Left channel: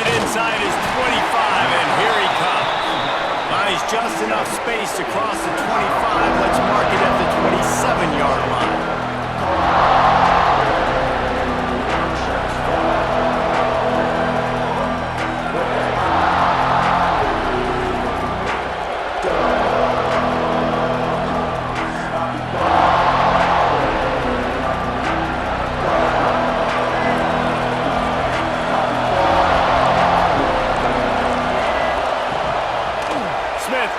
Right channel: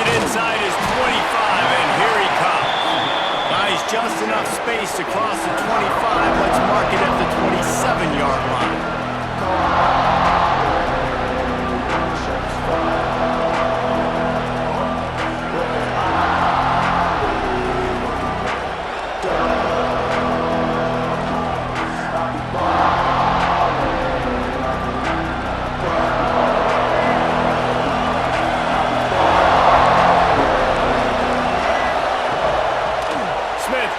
it inside his 25, and here he comes. Buys just enough space to cross the 25. Let's mark it at the 27-yard line.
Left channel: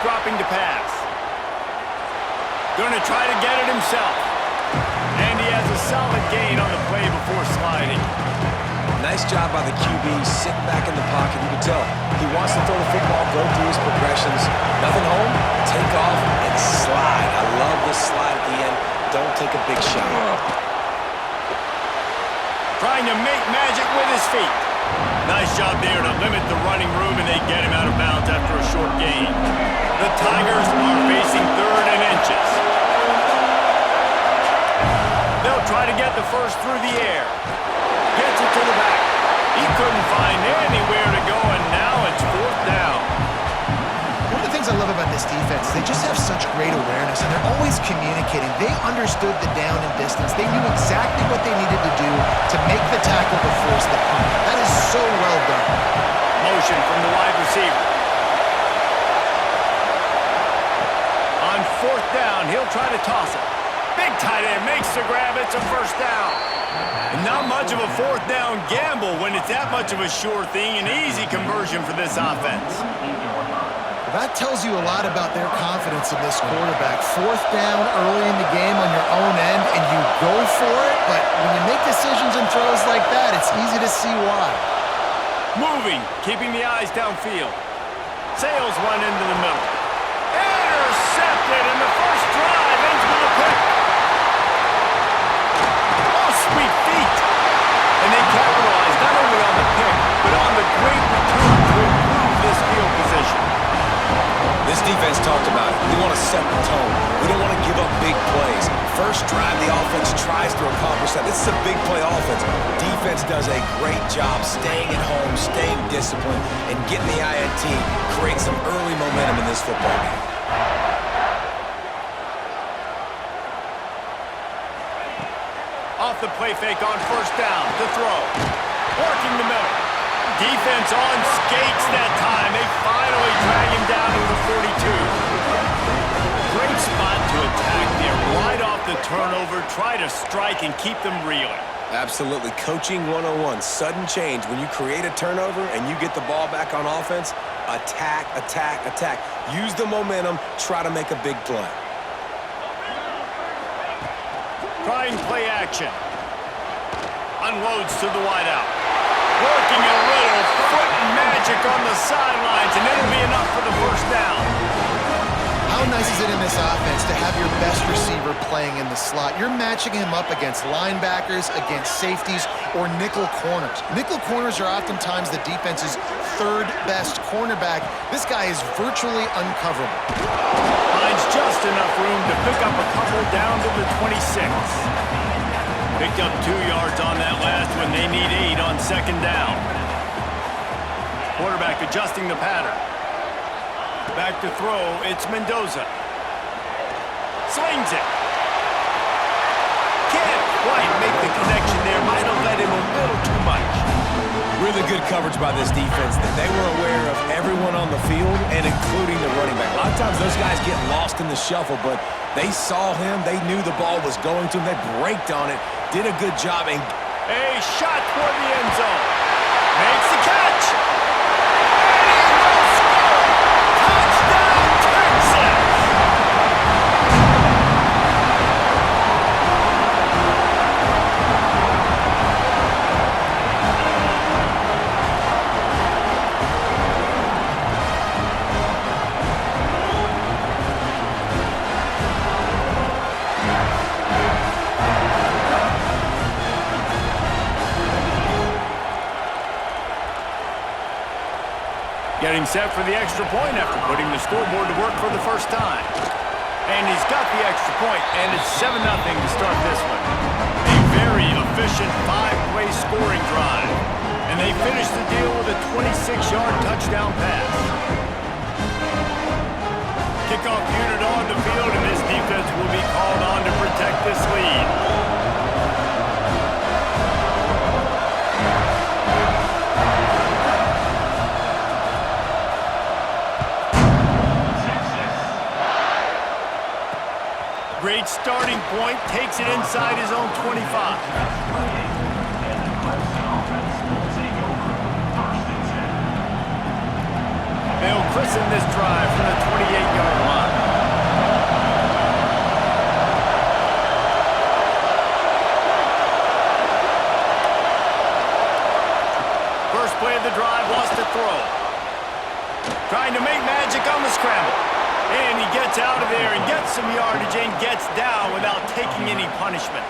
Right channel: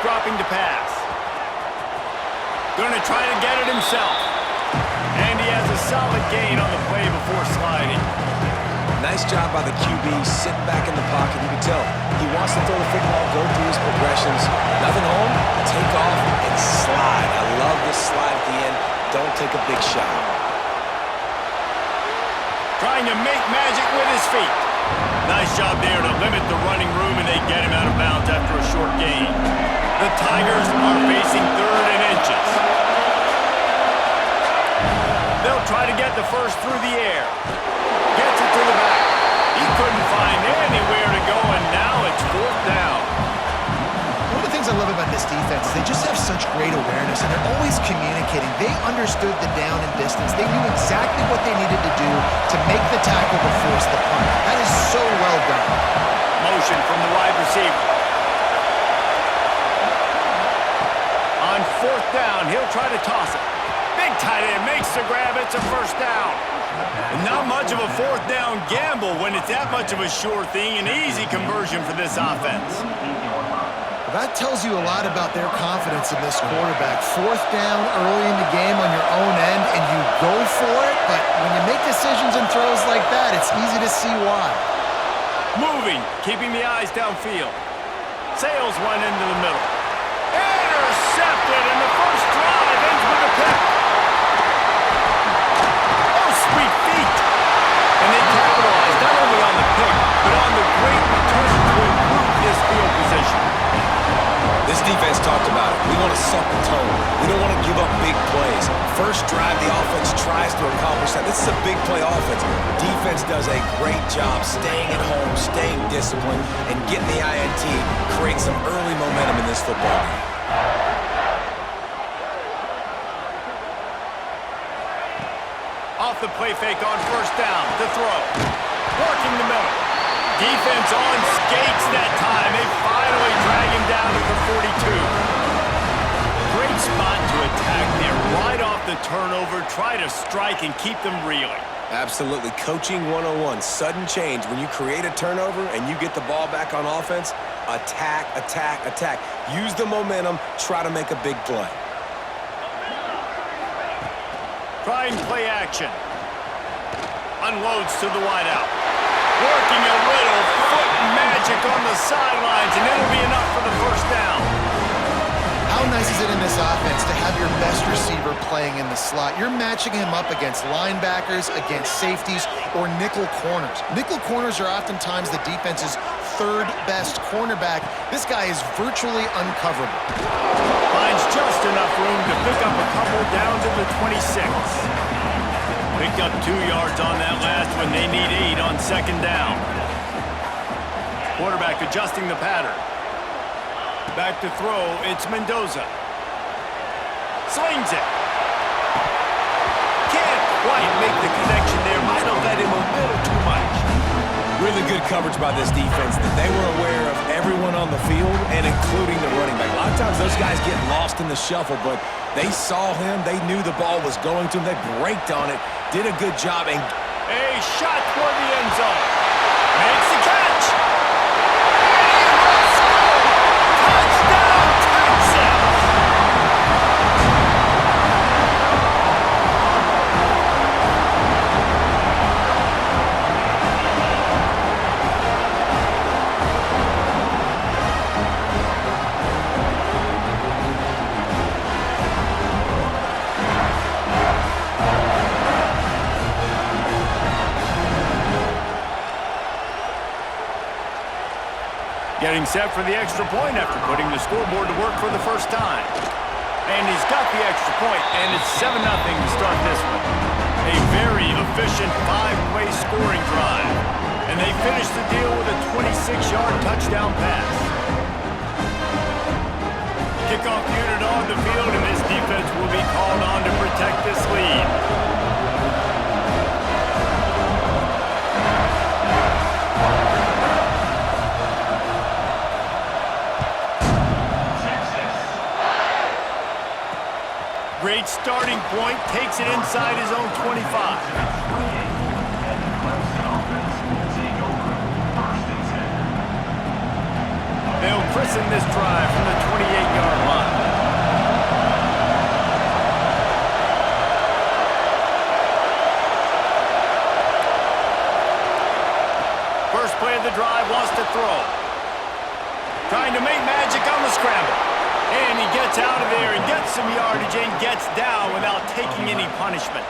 Dropping to pass. Going to try to get it himself. And he has a solid gain on the play before sliding. Nice job by the QB sitting back in the pocket. You can tell he wants to throw the football, go through his progressions. Nothing home, take off and slide. I love the slide at the end. Don't take a big shot. Trying to make magic with his feet. Nice job there to limit the running room, and they get him out of bounds after a short gain. The Tigers are facing 3rd and inches. They'll try to get the first through the air. Gets it to the back. He couldn't find anywhere to go, and now it's 4th down. One of the things I love about this defense is they just have such great awareness, and they're always communicating. They understood the down and distance. They knew exactly what they needed to do to make the tackle to force the punt. That is so well done. Motion from the wide receiver. On 4th down, he'll try to toss it. Big tight end makes the grab. It's a 1st down. And not much of a 4th down gamble when it's that much of a sure thing. An easy conversion for this offense. Well, that tells you a lot about their confidence in this quarterback. 4th down early in the game on your own end, and you go for it. But when you make decisions and throws like that, it's easy to see why. Moving, keeping the eyes downfield. Sails one into the middle. Intercepted, and the first drive ends with a pick. Oh, sweet feet. And they capitalize not only on the pick, but on the great return to improve this field position. This defense talked about it. We want to set the tone. We don't want to give up big plays. First drive, the offense tries to accomplish that. This is a big play offense. Defense does a great job staying at home, staying disciplined, and getting the INT, creating some early momentum in this football game. Off the play fake on 1st down to throw. Working the middle. Defense on skates that time. They finally drag him down to the 42. Great spot to attack there. Right off the turnover. Try to strike and keep them reeling. Absolutely. Coaching 101. Sudden change. When you create a turnover and you get the ball back on offense, attack, attack, attack. Use the momentum. Try to make a big play. Trying play action. Unloads to the wideout. Working a little foot magic on the sidelines, and it'll be enough for the 1st down. How nice is it in this offense to have your best receiver playing in the slot? You're matching him up against linebackers, against safeties, or nickel corners. Nickel corners are oftentimes the defense's 3rd best cornerback. This guy is virtually uncoverable. Finds just enough room to pick up a couple down to the 26. Picked up 2 yards on that last one. They need 8 on 2nd down. Quarterback adjusting the pattern. Back to throw, it's Mendoza. Slings it. Can't quite make the connection there. Might have led him a little too much. Really good coverage by this defense. That they were aware of everyone on the field and including the running back. A lot of times those guys get lost in the shuffle, but they saw him. They knew the ball was going to him. They braked on it, did a good job. And a shot toward the end zone. Makes the catch. And he will score. Touchdown, Texas. Getting set for the extra point after putting the scoreboard to work for the first time. And he's got the extra point, and it's 7-0 to start this one. A very efficient 5-play scoring drive. And they finish the deal with a 26-yard touchdown pass. Kickoff unit on the field, and this defense will be called on to protect this lead. Great starting point, takes it inside his own 25. They'll christen this drive from the 28-yard line. First play of the drive, wants to throw. Trying to make magic on the scramble. And he gets out of there and gets some yardage and gets down without taking any punishment.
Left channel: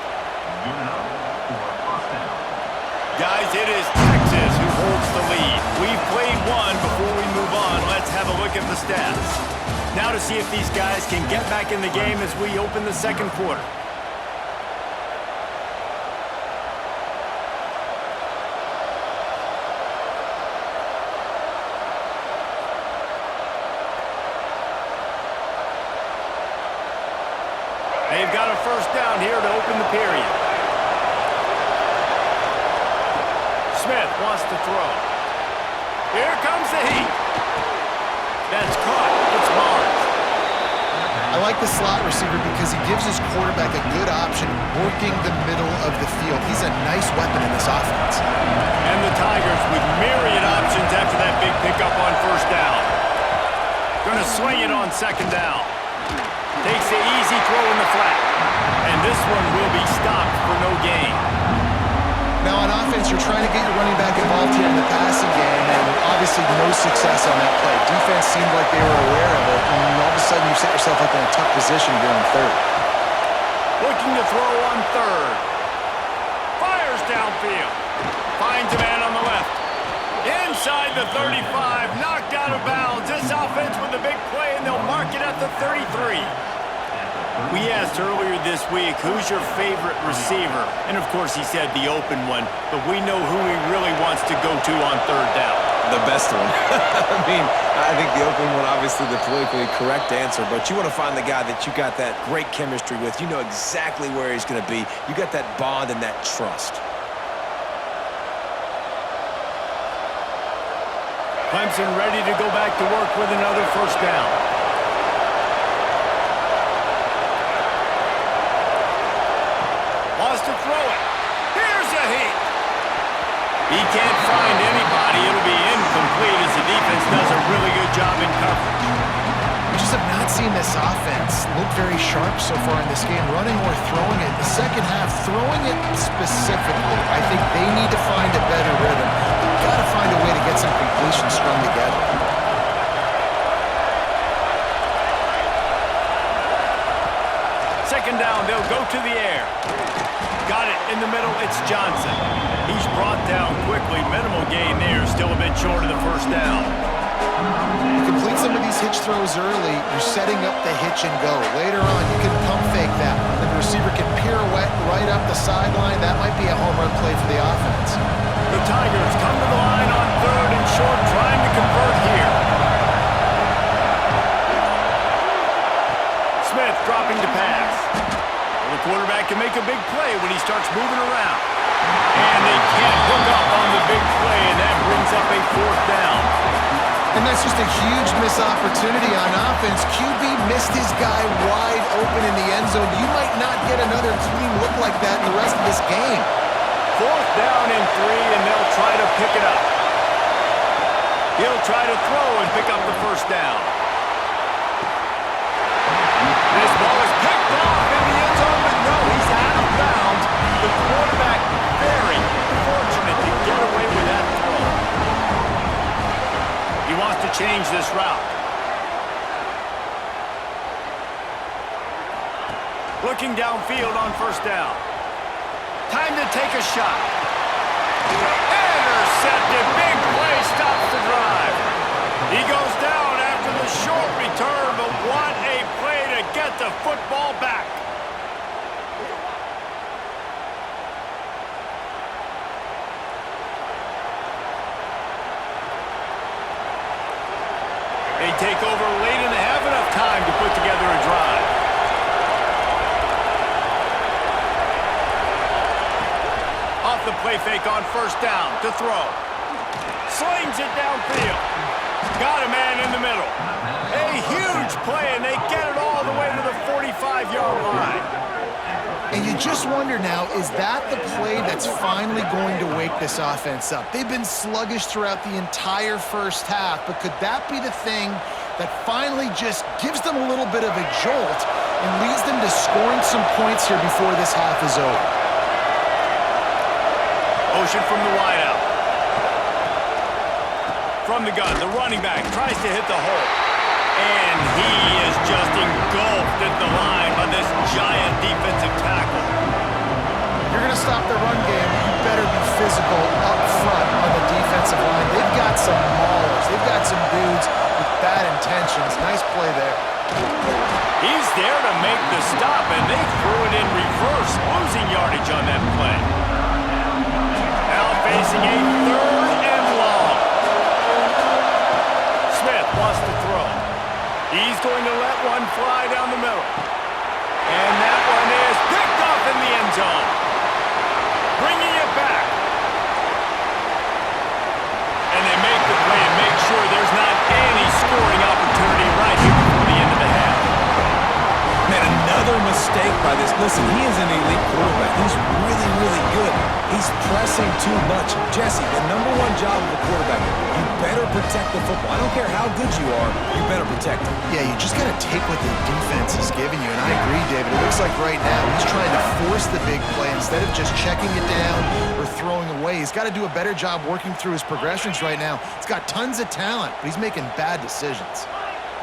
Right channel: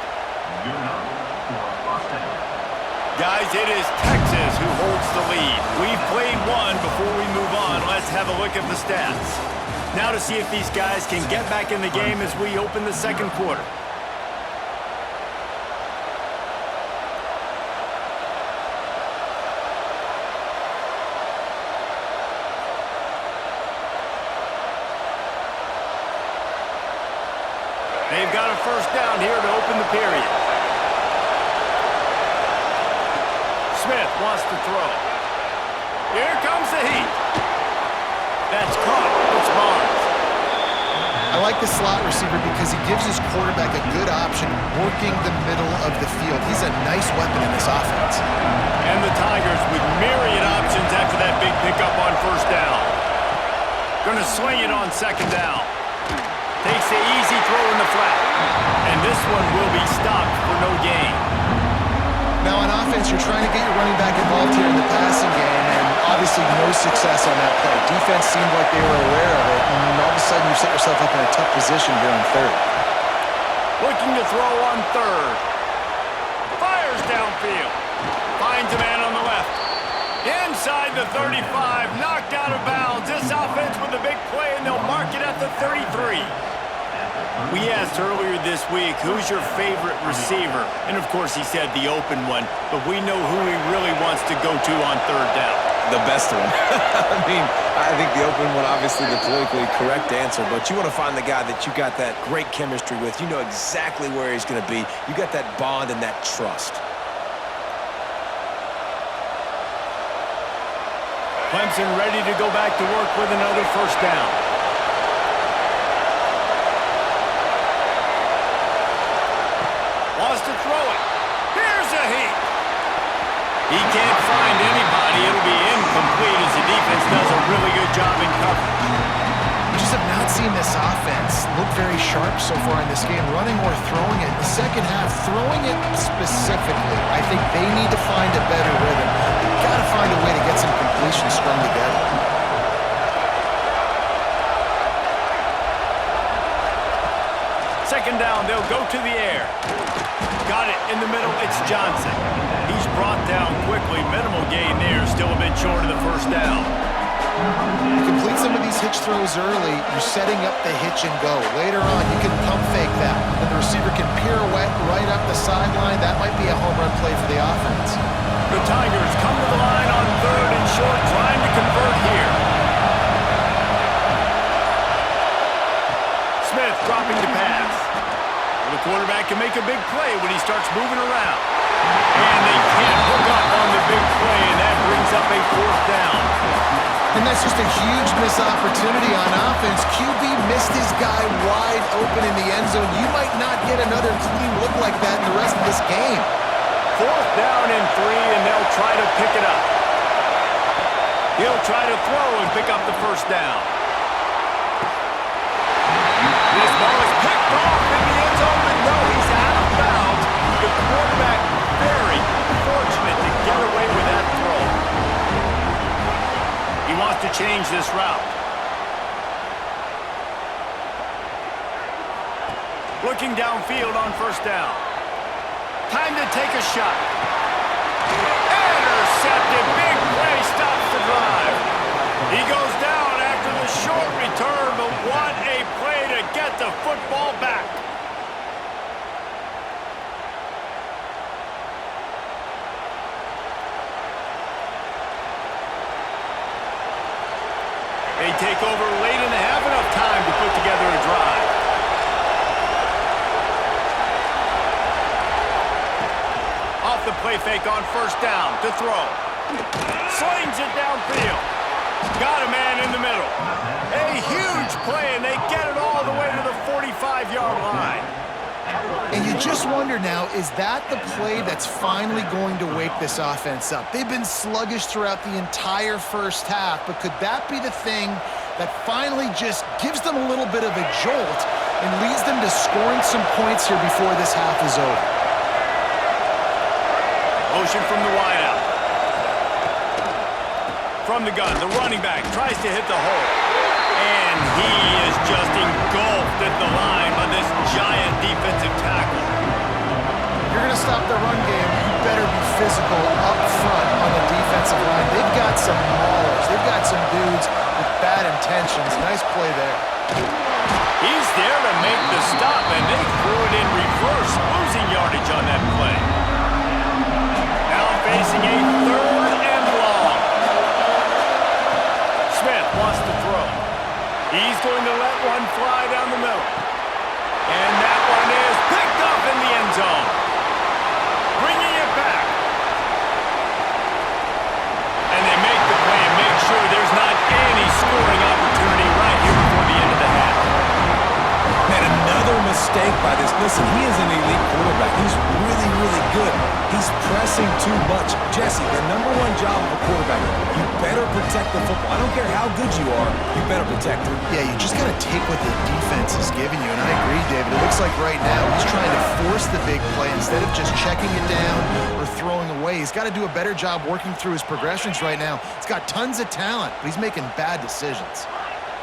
Guys, it is Texas who holds the lead. We've played one. Before we move on, let's have a look at the stats. Now to see if these guys can get back in the game as we open the second quarter. They've got a first down here to open the period. Smith wants to throw. Here comes the heat. That's caught. It's Barnes. I like the slot receiver because he gives his quarterback a good option working the middle of the field. He's a nice weapon in this offense. And the Tigers with myriad options after that big pickup on first down. Gonna swing it on second down. Takes the easy throw in the flat. And this one will be stopped for no gain. Now on offense, you're trying to get your running back involved here in the passing game, and obviously no success on that play. Defense seemed like they were aware of it, and all of a sudden you set yourself up in a tough position here on third. Looking to throw on third. Fires downfield. Finds a man on the left. Inside the 35, knocked out of bounds. This offense with a big play, and they'll mark it at the 33. We asked earlier this week, who's your favorite receiver? And of course he said the open one, but we know who he really wants to go to on third down. The best one. I mean, I think the open one, obviously the politically correct answer, but you want to find the guy that you got that great chemistry with. You know exactly where he's going to be. You got that bond and that trust. Clemson ready to go back to work with another first down. Wants to throw it. Here's a heat. He can't find anybody. It'll be incomplete as the defense does a really good job in coverage. We just have not seen this offense look very sharp so far in this game, running or throwing it. The second half, throwing it specifically, I think they need to find a better rhythm. They've got to find a way to get some completions strung together. Second down, they'll go to the air. Got it in the middle, it's Johnson. He's brought down quickly. Minimal gain there, still a bit short of the first down. You complete some of these hitch throws early, you're setting up the hitch and go. Later on, you can pump fake that, and the receiver can pirouette right up the sideline. That might be a home run play for the offense. The Tigers come to the line on third and short, trying to convert here. Smith dropping to pass. Well, the quarterback can make a big play when he starts moving around. And they can't hook up on the big play, and that brings up a fourth down. And that's just a huge missed opportunity on offense. QB missed his guy wide open in the end zone. You might not get another clean look like that in the rest of this game. Fourth down and 3, and they'll try to pick it up. He'll try to throw and pick up the first down. This ball is picked off in the end zone, but no, he's out of bounds. The quarterback very fortunate to get away with that throw. He wants to change this route. Looking downfield on first down. Time to take a shot. Intercepted. Big play stops the drive. He goes down after the short return, but what a play to to get the football back. They take over late in the half, enough time to put together a drive. Off the play fake on first down to throw. Slings it downfield. Got a man in the middle. A huge play, and they get it all the way to the 45-yard line. And you just wonder now, is that the play that's finally going to wake this offense up? They've been sluggish throughout the entire first half, but could that be the thing that finally just gives them a little bit of a jolt and leads them to scoring some points here before this half is over? Motion from the wideout. From the gun, the running back tries to hit the hole. And he is just engulfed at the line by this giant defensive tackle. If you're going to stop the run game, you better be physical up front on the defensive line. They've got some maulers. They've got some dudes with bad intentions. Nice play there. He's there to make the stop, and they threw it in reverse, losing yardage on that play. Now facing a 3rd and long. Smith wants to throw. He's going to let one fly down the middle. And that one is picked up in the end zone. Bringing it back. And they make the play and make sure there's not any scoring opportunity right here before the end of the half. Man, another mistake by this. Listen, he is an elite quarterback. He's really, really good. He's pressing too much. Jesse, the #1 job of a quarterback, you better protect the football. I don't care how good you are, you better protect it. Yeah, you just got to take what the defense is giving you, and I agree, David. It looks like right now he's trying to force the big play instead of just checking it down or throwing away. He's got to do a better job working through his progressions right now. He's got tons of talent, but he's making bad decisions.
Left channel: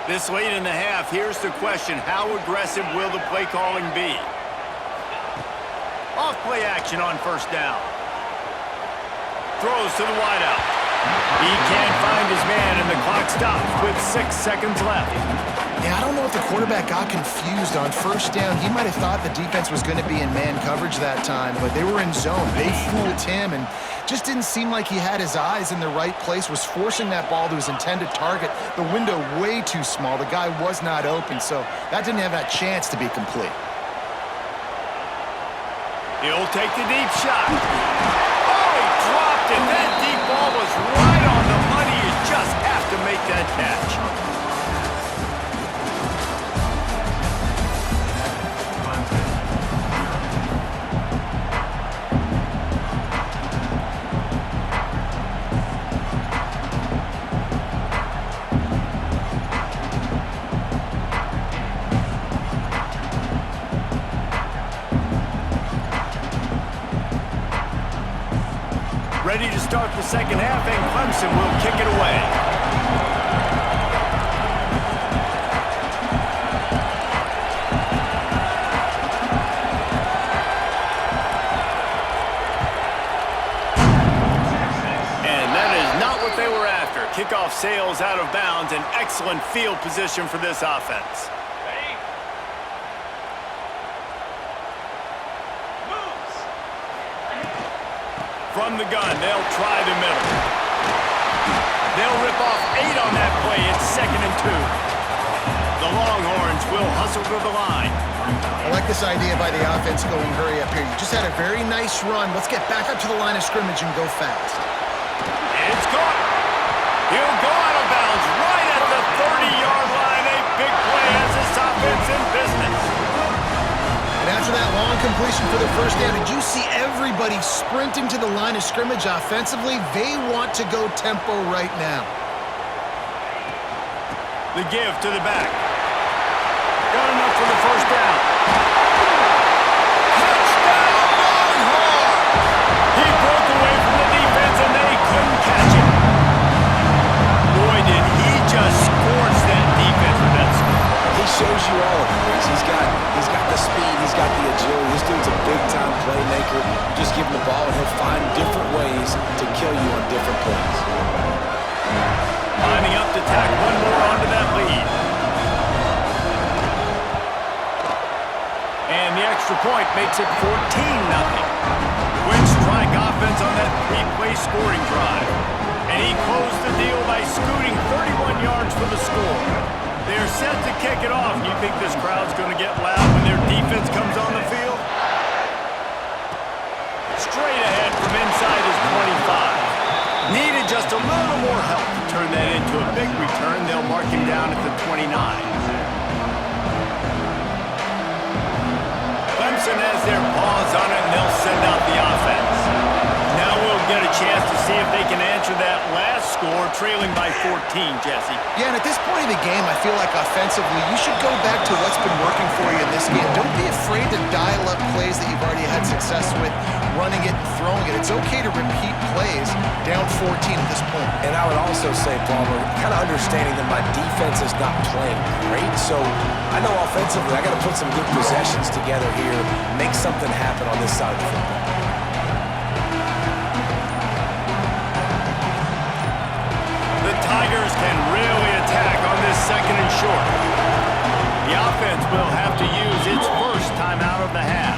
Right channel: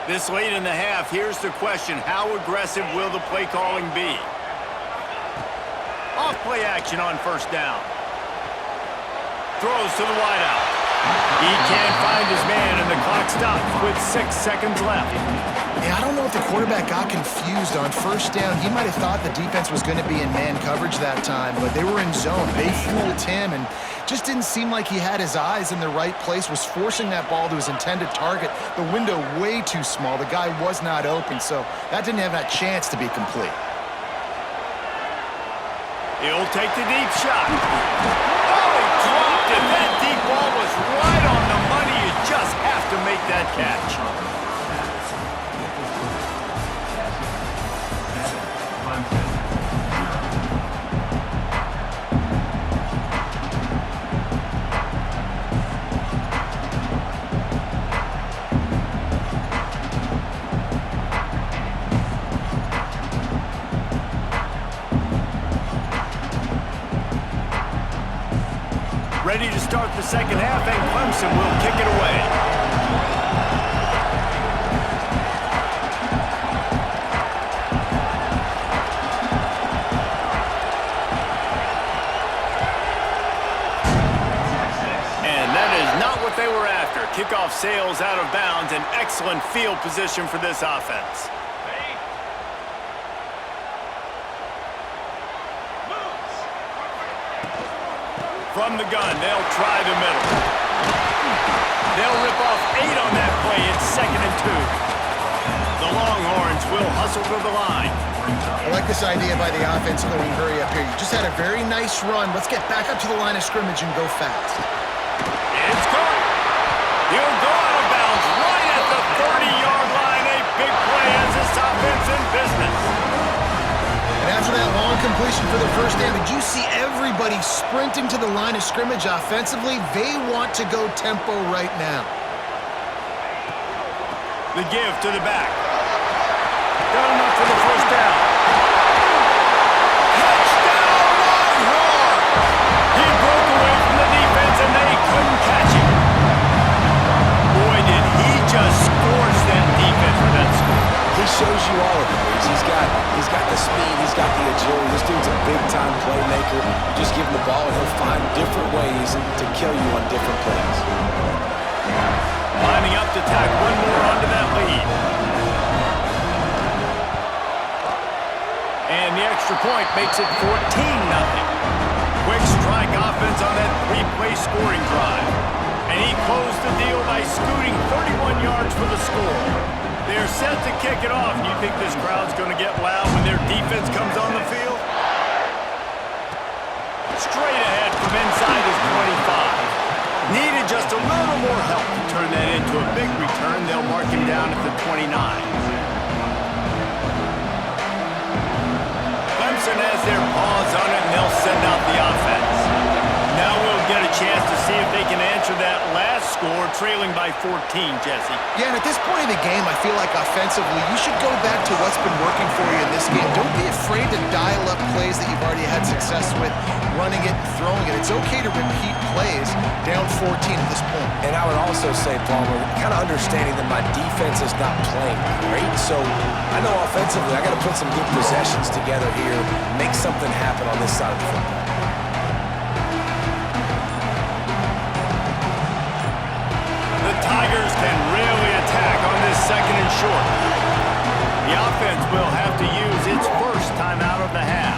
This late in the half, here's the question. How aggressive will the play calling be? Off play action on first down. Throws to the wideout. He can't find his man, and the clock stops with 6 seconds left. Yeah, I don't know if the quarterback got confused on first down. He might have thought the defense was going to be in man coverage that time, but they were in zone. They fooled him, and just didn't seem like he had his eyes in the right place, was forcing that ball to his intended target. The window way too small. The guy was not open, so that didn't have that chance to be complete. He'll take the deep shot. Oh, he dropped it. That deep ball was right on the money. You just have to make that catch. Ready to start the second half, and Clemson will kick it away. And that is not what they were after. Kickoff sails out of bounds, and excellent field position for this offense. From the gun, they'll try the middle. They'll rip off 8 on that play. It's 2nd and 2. The Longhorns will hustle to the line. I like this idea by the offense going hurry up here. You just had a very nice run. Let's get back up to the line of scrimmage and go fast. It's caught. He'll go out of bounds right at the 30-yard line. A big play has this offense in business. And after that long completion for the first down, did you see everybody sprinting to the line of scrimmage offensively? They want to go tempo right now. The give to the back. Got enough for the first down. Touchdown, Longhorns! He broke away from the defense, and they couldn't catch him. Boy, did he just scorch that defense for that score. He shows you all of it. He's got the speed, he's got the agility. This dude's a big-time playmaker. You just give him the ball, and he'll find different ways to kill you on different plays. Lining up to tack one more onto that lead. And the extra point makes it 14-0. Quick strike offense on that three-play scoring drive. And he closed the deal by scooting 31 yards for the score. They're set to kick it off. You think this crowd's going to get loud when their defense comes on the field? Straight ahead from inside his 25. Needed just a little more help to turn that into a big return. They'll mark him down at the 29. Clemson has their paws on it, and they'll send out the offense. Now we'll get a chance to see if they can answer that last score, trailing by 14, Jesse. Yeah, and at this point in the game, I feel like offensively, you should go back to what's been working for you in this game. Don't be afraid to dial up plays that you've already had success with, running it and throwing it. It's okay to repeat plays down 14 at this point. And I would also say, Palmer, kind of understanding that my defense is not playing great, so I know offensively I got to put some good possessions together here, make something happen on this side of the football. The Tigers can really attack on this second and short. The offense will have to use its first timeout of the half.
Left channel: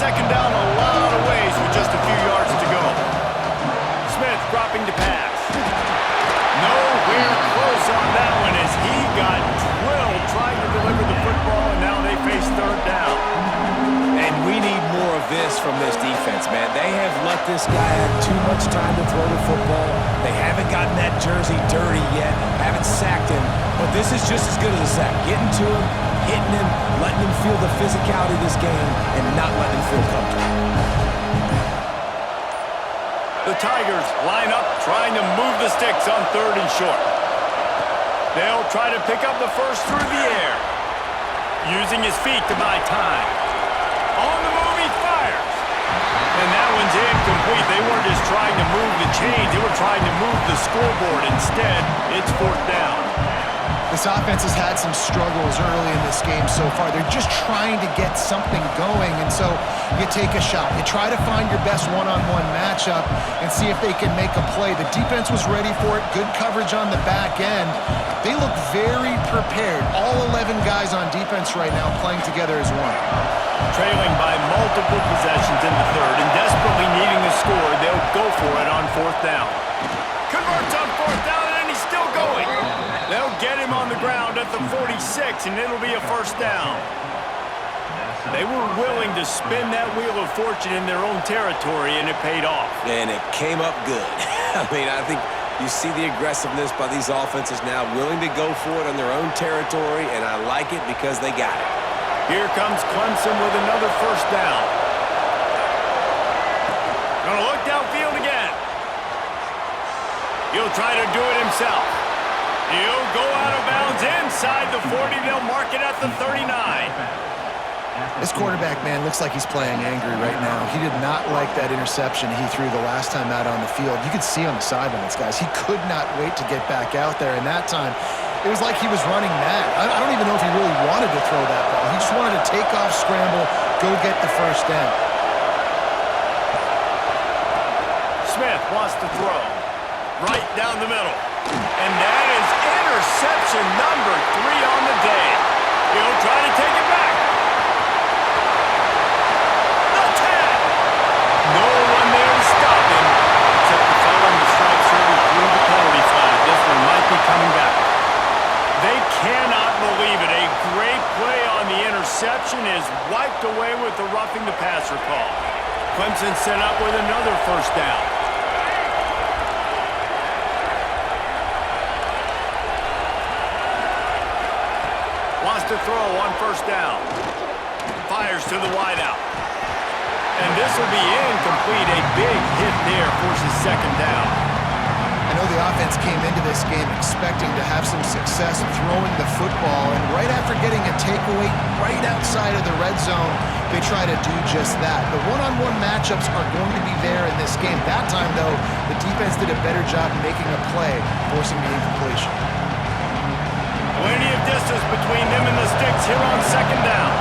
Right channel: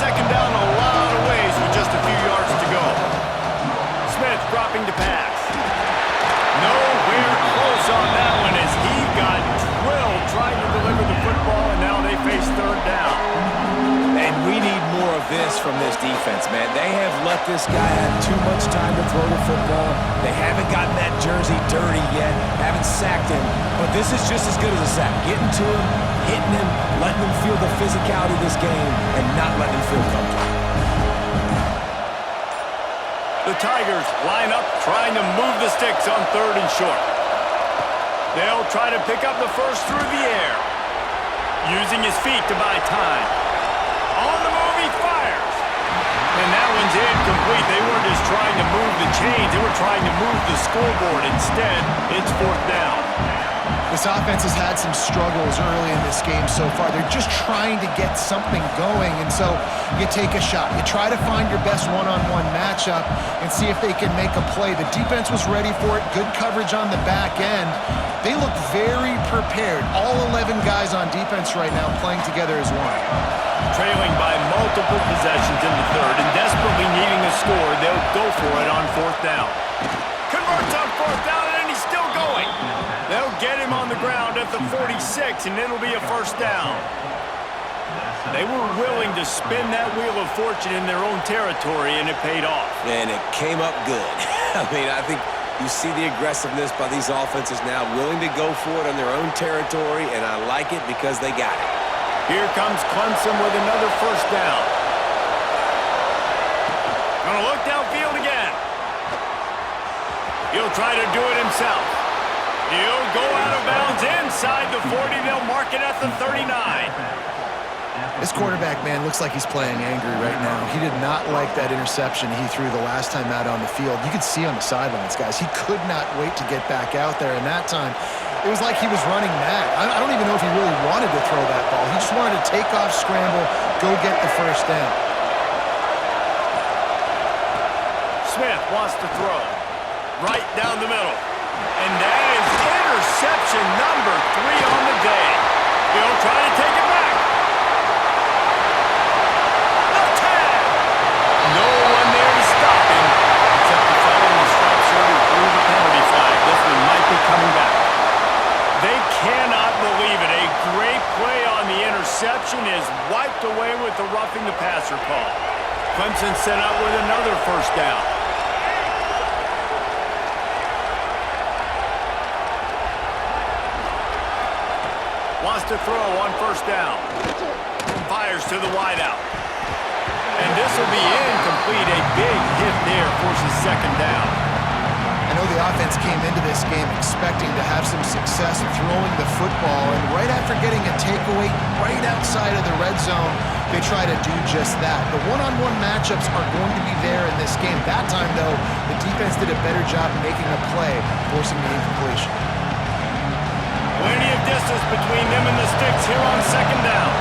Second down a lot of ways with just a few yards to go. Smith dropping to pass. Nowhere close on that one as he got drilled trying to deliver the football, and now they face third down. And we need more of this from this defense, man. They have let this guy have too much time to throw the football. They haven't gotten that jersey dirty yet, haven't sacked him, but this is just as good as a sack. Getting to him, hitting him, letting him feel the physicality of this game, and not letting him feel comfortable. The Tigers line up trying to move the sticks on third and short. They'll try to pick up the first through the air, using his feet to buy time. On the move, he fires. And that one's incomplete. They weren't just trying to move the chains. They were trying to move the scoreboard. Instead, it's fourth down. This offense has had some struggles early in this game so far. They're just trying to get something going, and so you take a shot. You try to find your best one-on-one matchup and see if they can make a play. The defense was ready for it. Good coverage on the back end. They look very prepared. All 11 guys on defense right now playing together as one. Trailing by multiple possessions in the third and desperately needing a score, they'll go for it on fourth down. Converts on fourth down, and he's still going. They'll get him on the ground at the 46, and it'll be a first down. They were willing to spin that wheel of fortune in their own territory, and it paid off. And it came up good. I mean, I think you see the aggressiveness by these offenses now, willing to go for it on their own territory, and I like it because they got it. Here comes Clemson with another first down. Gonna look downfield again. He'll try to do it himself. He'll go out of bounds inside the 40. They'll mark it at the 39. This quarterback, man, looks like he's playing angry right now. He did not like that interception he threw the last time out on the field. You could see on the sidelines, guys, he could not wait to get back out there. And that time, it was like he was running mad. I don't even know if he really wanted to throw that ball. He just wanted to take off, scramble, go get the first down. Smith wants to throw. Right down the middle. And that is interception number 3 on the day. He'll try to take it back. The tag. No one there to stop him, except the fella in the striped shirt who threw the penalty flag. This one might be coming back. They cannot believe it. A great play on the interception is wiped away with the roughing the passer call. Clemson set up with another first down. Wants to throw on first down. Fires to the wideout. And this will be incomplete. A big hit there forces second down. And know the offense came into this game expecting to have some success throwing the football, and right after getting a takeaway right outside of the red zone, they try to do just that. The one-on-one matchups are going to be there in this game. That time, though, the defense did a better job making a play, forcing the incompletion. Plenty of distance between them and the sticks here on second down.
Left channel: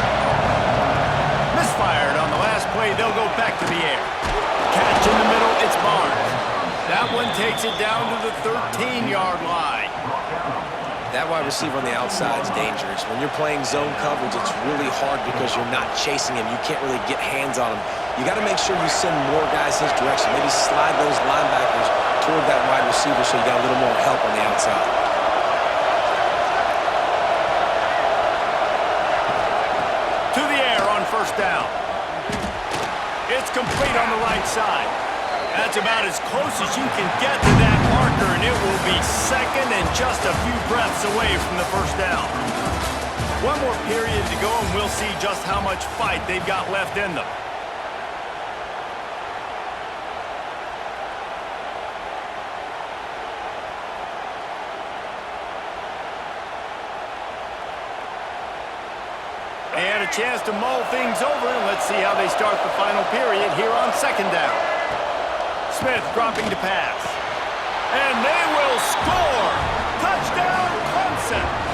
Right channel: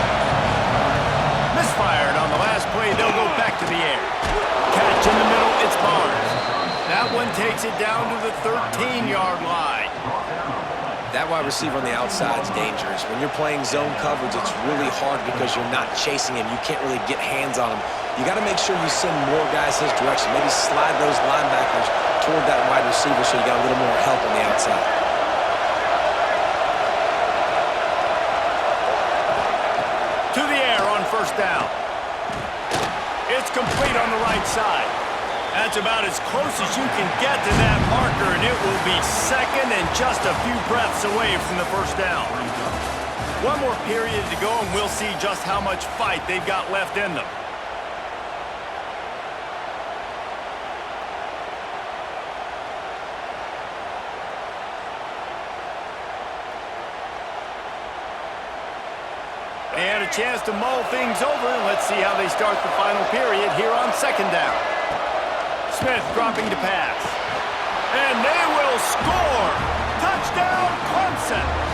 Misfired on the last play. They'll go back to the air. Catch in the middle. It's Barnes. That one takes it down to the 13-yard line. That wide receiver on the outside is dangerous. When you're playing zone coverage, it's really hard because you're not chasing him. You can't really get hands on him. You got to make sure you send more guys his direction. Maybe slide those linebackers toward that wide receiver so you got a little more help on the outside. To the air on first down. It's complete on the right side. That's about as close as you can get to that marker, and it will be second and just a few breaths away from the first down. One more period to go, and we'll see just how much fight they've got left in them. And a chance to mull things over. Let's see how they start the final period here on second down. Smith dropping to pass. And they will score! Touchdown, Clemson!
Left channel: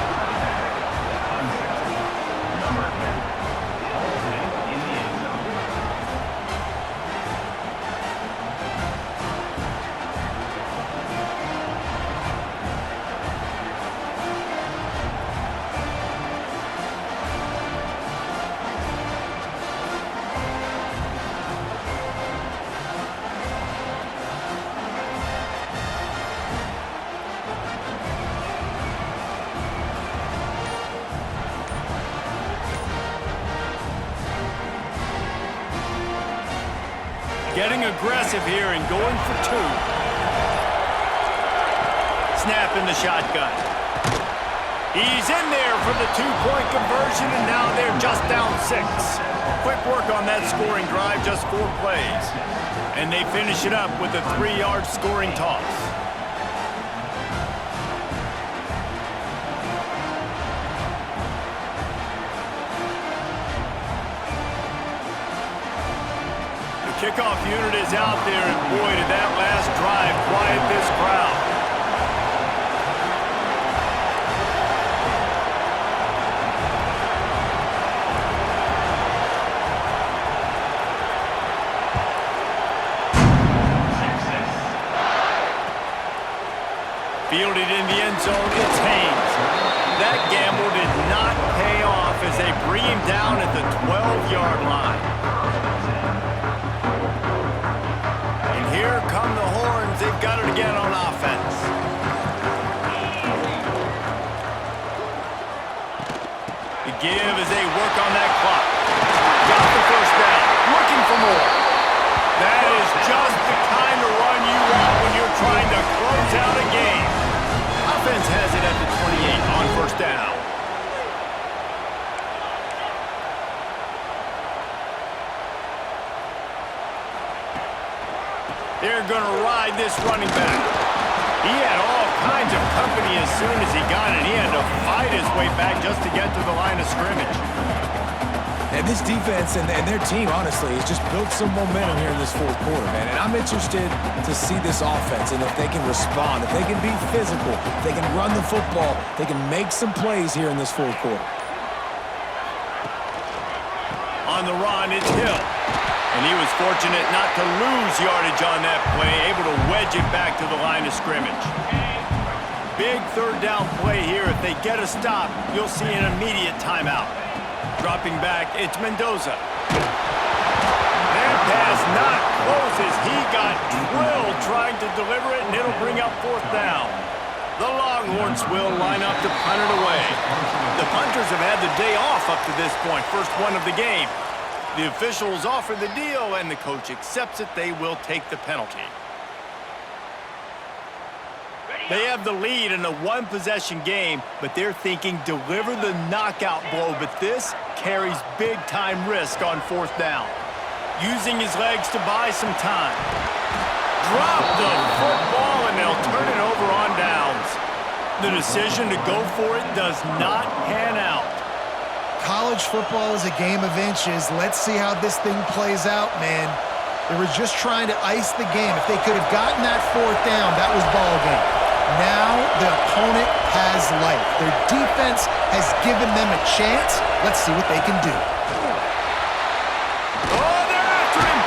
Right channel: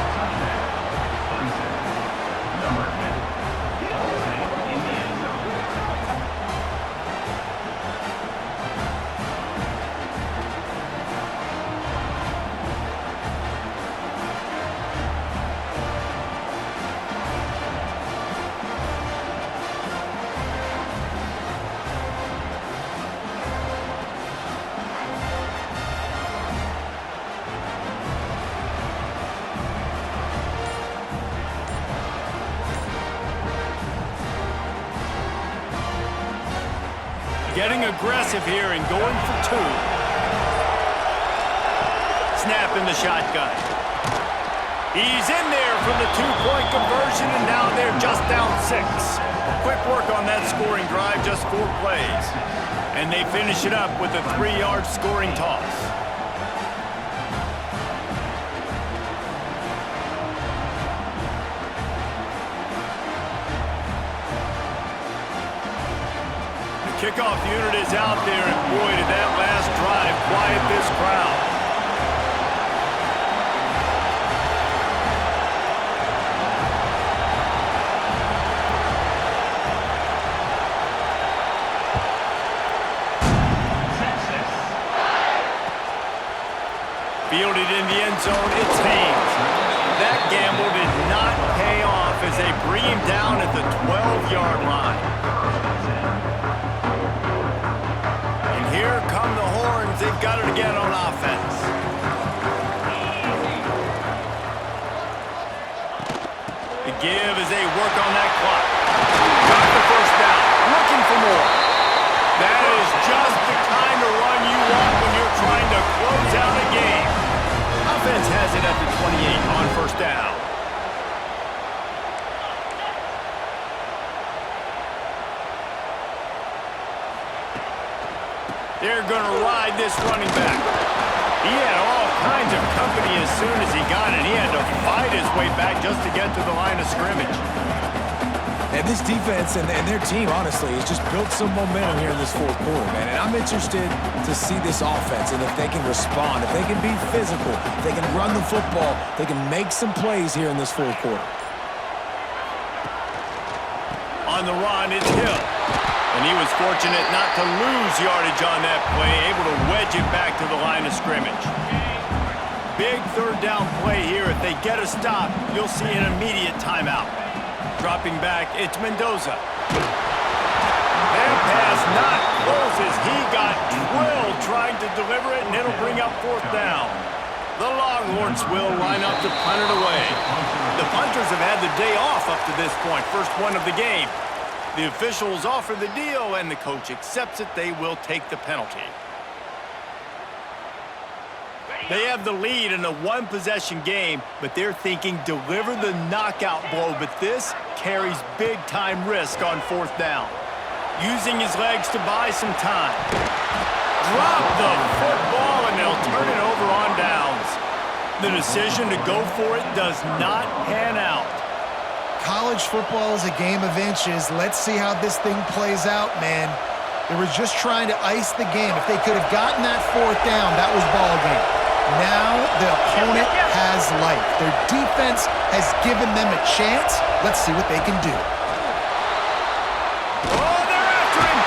Getting aggressive here and going for two. Snap in the shotgun. He's in there for the two-point conversion, and now they're just down 6. Quick work on that scoring drive, just 4 plays. And they finish it up with a 3-yard scoring toss. Kickoff unit is out there, and boy, did that last drive quiet this crowd. Fielded in the end zone, it's Haynes. That gamble did not pay off as they bring him down at the 12-yard line. Here come the horns. They've got it again on offense. The give as they work on that clock. Got the first down. Looking for more. That is just the kind of run you want when you're trying to close out a game. Offense has it at the 28 on first down. They're going to ride this running back. He had all kinds of company as soon as he got it. He had to fight his way back just to get to the line of scrimmage. And this defense and their team, honestly, has just built some momentum here in this fourth quarter, man. And I'm interested to see this offense and if they can respond, if they can be physical, if they can run the football, they can make some plays here in this fourth quarter. On the run, it's Hill. And he was fortunate not to lose yardage on that play, able to wedge it back to the line of scrimmage. Big third down play here. If they get a stop, you'll see an immediate timeout. Dropping back, it's Mendoza. That pass not closes. He got drilled trying to deliver it, and it'll bring up fourth down. The Longhorns will line up to punt it away. The punters have had the day off up to this point, first one of the game. The officials offer the deal, and the coach accepts it. They will take the penalty. They have the lead in a one-possession game, but they're thinking deliver the knockout blow, but this carries big-time risk on fourth down. Using his legs to buy some time. Drop the football, and and they'll turn it over on downs. The decision to go for it does not pan out. College football is a game of inches. Let's see how this thing plays out, man. They were just trying to ice the game. If they could have gotten that fourth down, that was ball game. Now the opponent has life. Their defense has given them a chance. Let's see what they can do. Oh, they're after him.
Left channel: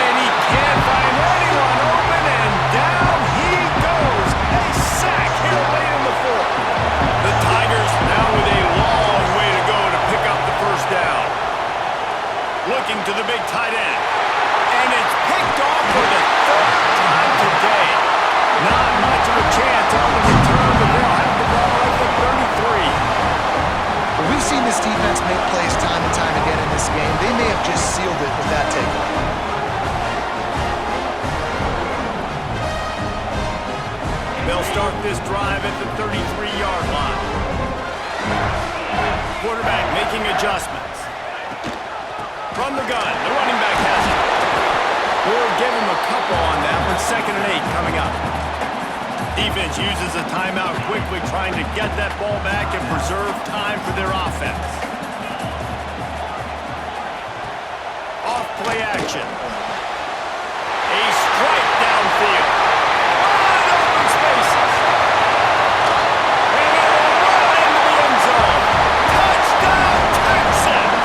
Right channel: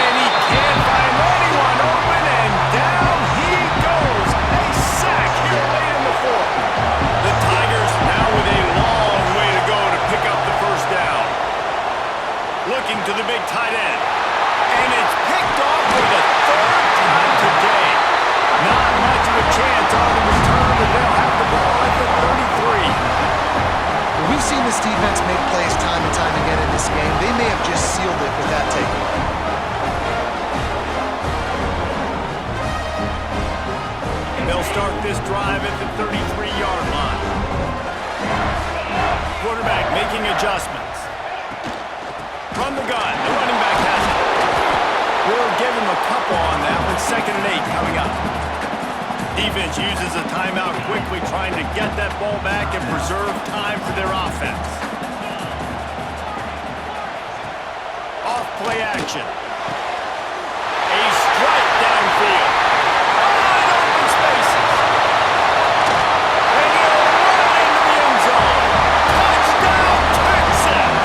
And he can't find anyone open, and down he goes. A sack here late in the fourth. The Tigers now with a long way to go to pick up the first down. Looking to the big tight end. And it's picked off for the third time today. Not much of a chance on the return, but they'll have the ball at the 33. Well, we've seen this defense make plays time and time again in this game. They may have just sealed it with that takeaway. They'll start this drive at the 33-yard line. Quarterback making adjustments. From the gun, the running back has it. We'll give him a couple on that one. 2nd and 8 coming up. Defense uses a timeout quickly, trying to get that ball back and preserve time for their offense. Off play action. A strike downfield. Wide open spaces. And he'll run into the end zone. Touchdown, Texas!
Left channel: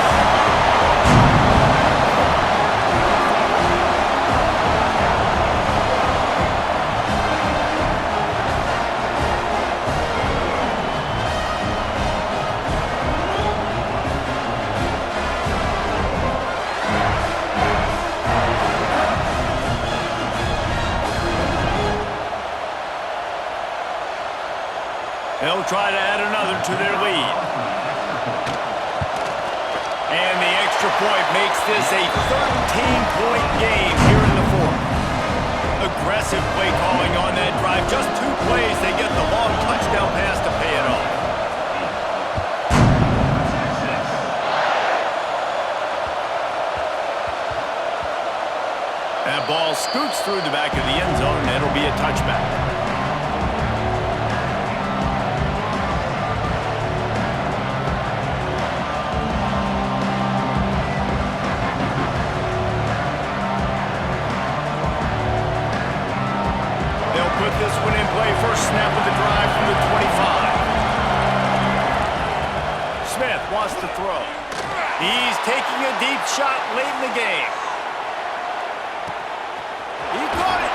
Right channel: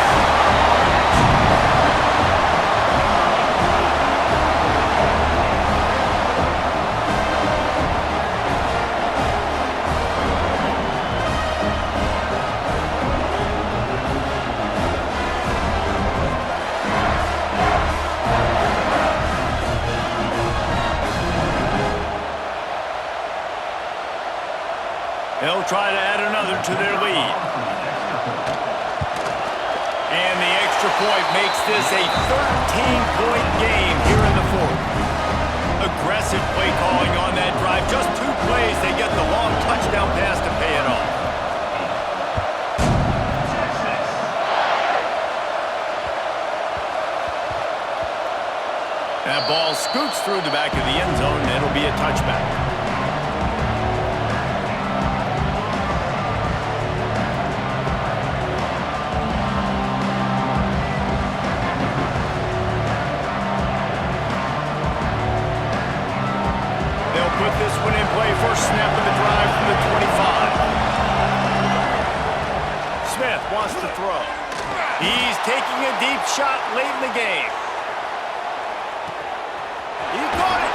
They'll try to add another to their lead. And the extra point makes this a 13-point game here in the fourth. Aggressive play calling on that drive. Just 2 plays, they get the long touchdown pass to pay it off. That ball scoots through the back of the end zone, and it'll be a touchback. Put this one in play. First snap of the drive from the 25. Smith wants to throw. He's taking a deep shot late in the game. He caught it.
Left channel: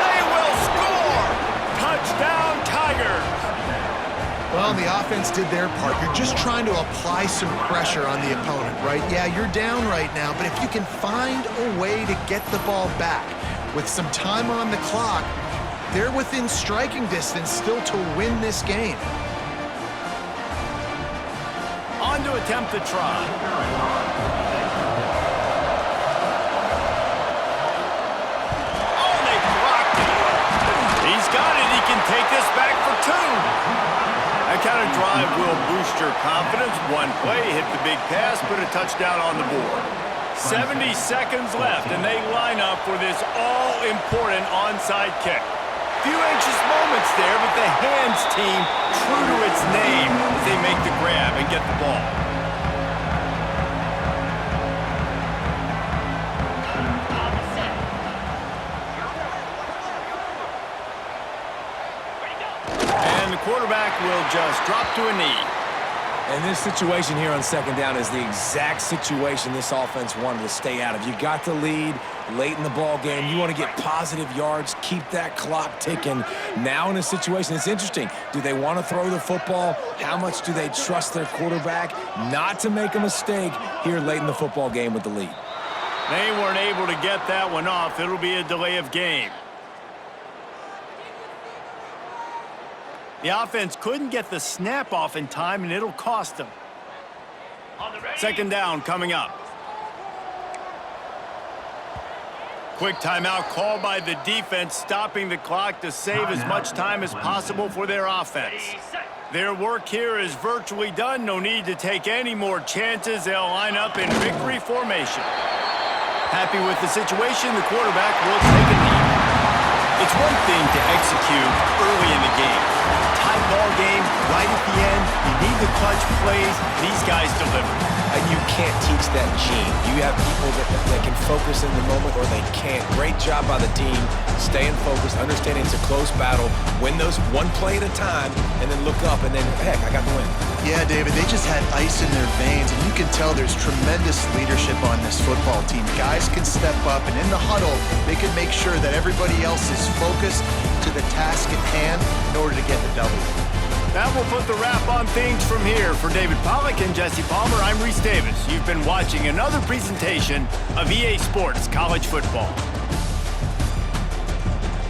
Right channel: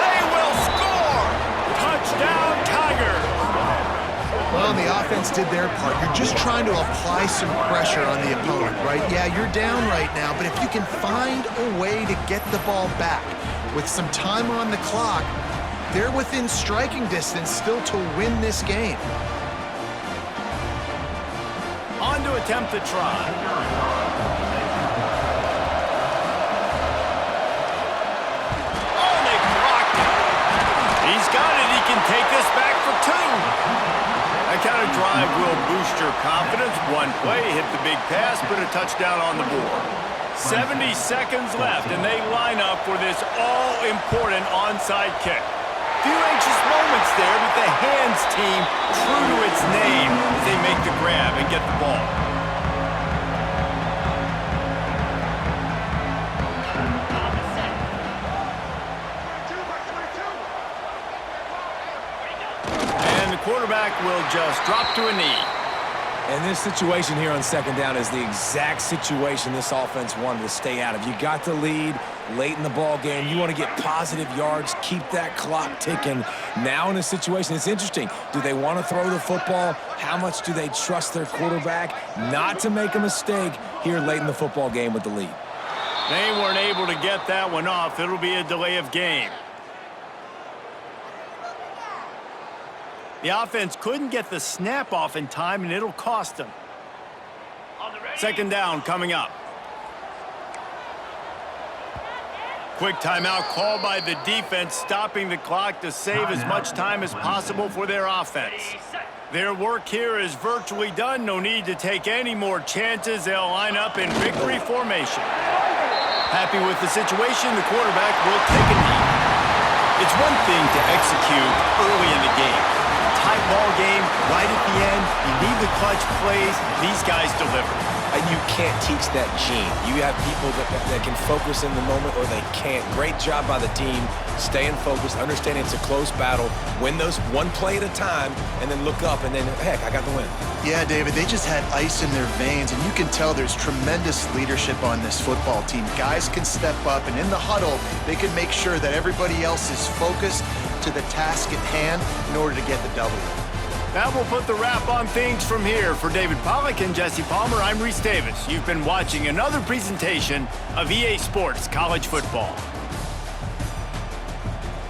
They will score. Touchdown, Tigers. Well, the offense did their part. You're just trying to apply some pressure on the opponent, right? Yeah, you're down right now, but if you can find a way to get the ball back with some time on the clock, they're within striking distance still to win this game. On to attempt the try. Oh, they blocked it. He's got it. He can take this back for 2. That kind of drive will boost your confidence. One play, hit the big pass, put a touchdown on the board. 70 seconds left, and they line up for this all-important onside kick. Few anxious moments there, but the hands team, true to its name, as they make the grab and get the ball. And the quarterback will just drop to a knee. And this situation here on 2nd down is the exact situation this offense wanted to stay out of. You got the lead late in the ball game. You want to get positive yards, keep that clock ticking. Now in a situation, it's interesting. Do they want to throw the football? How much do they trust their quarterback not to make a mistake here late in the football game with the lead? They weren't able to get that one off. It'll be a delay of game. The offense couldn't get the snap off in time, and it'll cost them. 2nd down coming up. Quick timeout called by the defense, stopping the clock to save as much time as possible for their offense. Their work here is virtually done. No need to take any more chances. They'll line up in victory formation. Happy with the situation, the quarterback will take a knee. It's one thing to execute early in the game. Tight ball game, right at the end, you need the clutch plays, and these guys deliver. And you can't teach that gene. You have people that can focus in the moment or they can't. Great job by the team, staying focused, understanding it's a close battle, win those one play at a time, and then look up, and then, heck, I got the win. Yeah, David, they just had ice in their veins, and you can tell there's tremendous leadership on this football team. Guys can step up, and in the huddle, they can make sure that everybody else is focused to the task at hand in order to get the W. That will put the wrap on things from here. For David Pollack and Jesse Palmer, I'm Reese Davis. You've been watching another presentation of EA Sports College Football.